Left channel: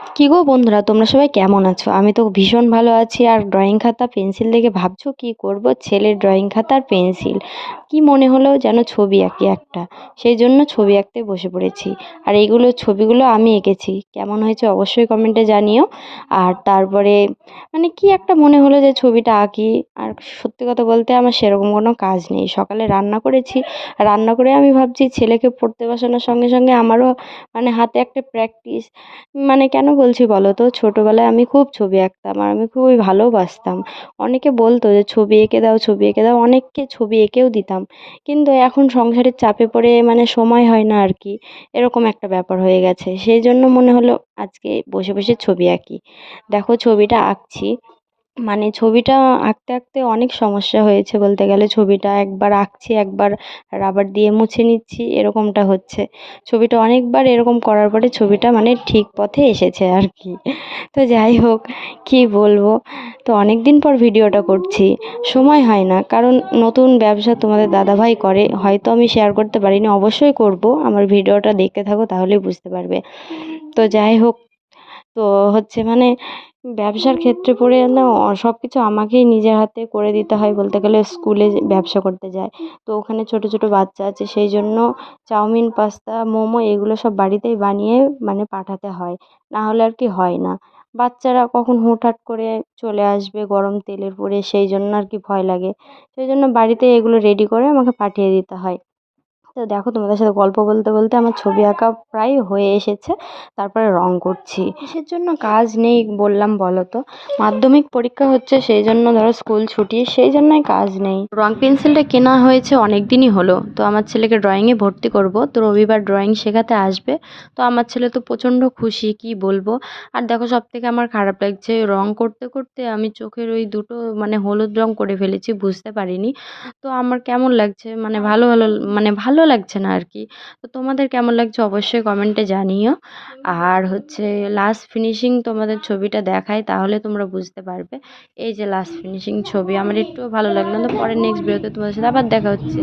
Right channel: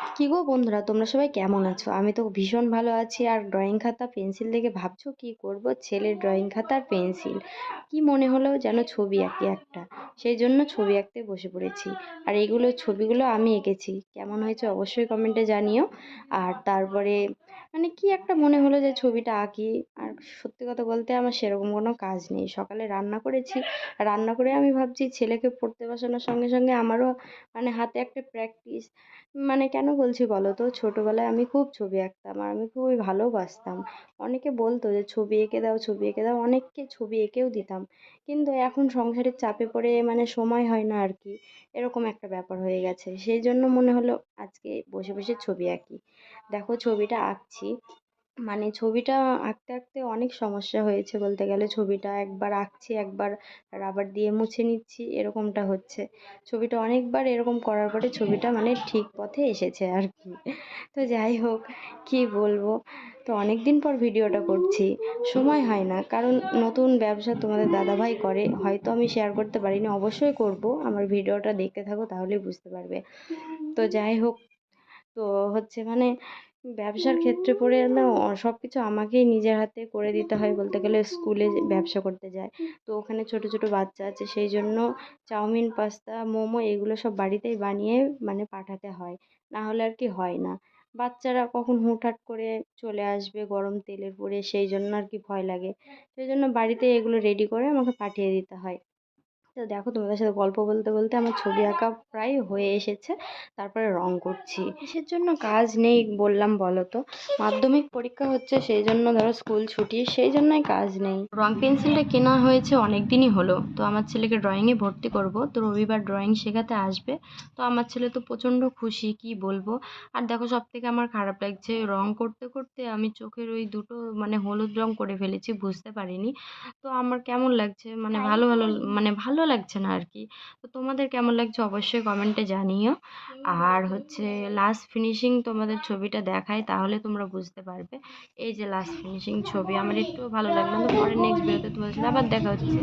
কি গো বন্ধুরা, তোমরা সবাই কেমন আছো? আমি তো ভীষণ ভালো আছি। আর ড্রয়িং খাতা পেন্সিল দেখে ভাবছো কি করব, ছেলের ড্রয়িং খাতা আর পেন্সিল কি মনে হলো যেন ছবি আঁকি একটা, সেই জন্য ছবি আঁকতে বসে পড়েছি। আর এইগুলো ছবিগুলো আমি এঁকেছি, কেমন হয়েছে অবশ্যই কমেন্টে জানিও। আর তারপরে কি একটা মনে হলো যে ছবিটা আঁকি। আর সত্যি কথা বলতে আমার সেরকম কোনো কাজ নেই, সকালে রান্না করেছি, রান্না করে আমি ভাবছি ছেলেকে পড়তে বসানোর সঙ্গে সঙ্গে আমারও হাতে একটা প্র্যাকটিস। কেন বলছি বলো তো, ছোটবেলায় আমি খুব ছবি আঁকতাম আর আমি খুবই ভালোবাসতাম। অনেকে বলতো যে ছবি এঁকে দাও, ছবি এঁকে দাও, অনেককে ছবি এঁকেও দিতাম। কিন্তু এখন সংসারের চাপে পড়ে সময় হয় না আর কি, এরকম একটা ব্যাপার হয়ে গেছে। সেই জন্য মনে হলো আজকে বসে বসে ছবি আঁকি। দেখো ছবিটা আঁকছি, ছবিটা আঁকতে আঁকতে অনেক সমস্যা হয়েছে বলতে গেলে। ছবিটা একবার আঁকছি, একবার রাবার দিয়ে মুছে নিচ্ছি, এরকমটা হচ্ছে। ছবিটা অনেকবার এরকম করার পরে ছবিটা ঠিক পথে এসেছে আর কি। তো যাই হোক, কি বলবো। তো অনেক দিন পর ভিডিওটা করছি, সময় হয় না, কারণ নতুন ব্যবসা তোমাদের দাদাভাই করে, হয়তো আমি শেয়ার করতে পারিনি, অবশ্যই করব। আমার ভিডিওটা দেখতে থাকো তাহলেই বুঝতে পারবে। তো যাই হোক, তো হচ্ছে ব্যবসার ক্ষেত্রে পড়ে না, সব কিছু আমাকেই নিজের হাতে করে দিতে হয় বলতে গেলে। স্কুলে যে ব্যবসা করতে যায়, তো ওখানে ছোট ছোট বাচ্চা আছে, সেই জন্য চাউমিন, পাস্তা, মোমো এগুলো সব বাড়িতেই বানিয়ে পাঠাতে হয়, না হলে আর কি হয় না। বাচ্চারা কখন হুটহাট করে চলে আসবে গরম তেলের পরে, সেই জন্য আর কি ভয় লাগে। সেই জন্য বাড়িতে এগুলো রেডি করে আমাকে পাঠিয়ে দিতে হয়। তো দেখো, তোমাদের সাথে গল্প বলতে বলতে আমার ছবি আঁকা প্রায় হয়ে এসেছে। তারপরে রং করছি। কিসের জন্য কাজ নেই বললাম বলো তো? মাধ্যমিক পরীক্ষা হচ্ছে, সেই জন্য ধরো স্কুল ছুটি, সেই জন্যই কাজ নেই। রং পেন্সিলটা কেনা হয়েছে অনেক দিনই হলো। তো আমার ছেলেকে ড্রয়িংয়ে ভর্তি করব, তো রবিবার ড্রয়িং শেখাতে আসবে। তো আমার ছেলে তো প্রচণ্ড খুশি, কি বলবো। আর দেখো, সব থেকে আমার খারাপ লাগছে, রং করতে করতে আমি চোখের ওই দুটো হলুদ রং করে ফেলেছি, বুঝতে পারিনি। তো আমার কেমন লাগছে, ভালো ভালো ভালো লাগছে না আর কি। তো তোমাদের কেমন লাগছে অবশ্যই কমেন্টে জানিও। আর হচ্ছে লাস্ট ফিনিশিং তোমাদের ছবিটা দেখাই, তাহলে তোমরা বুঝতে পারবে। এই যে লাস্ট ফিনিশিং ছবি, আমার একটুও ভালো লাগলো না। তো পরে নেক্সট ভিডিওতে তোমাদের সাথে আবার দেখা হচ্ছে।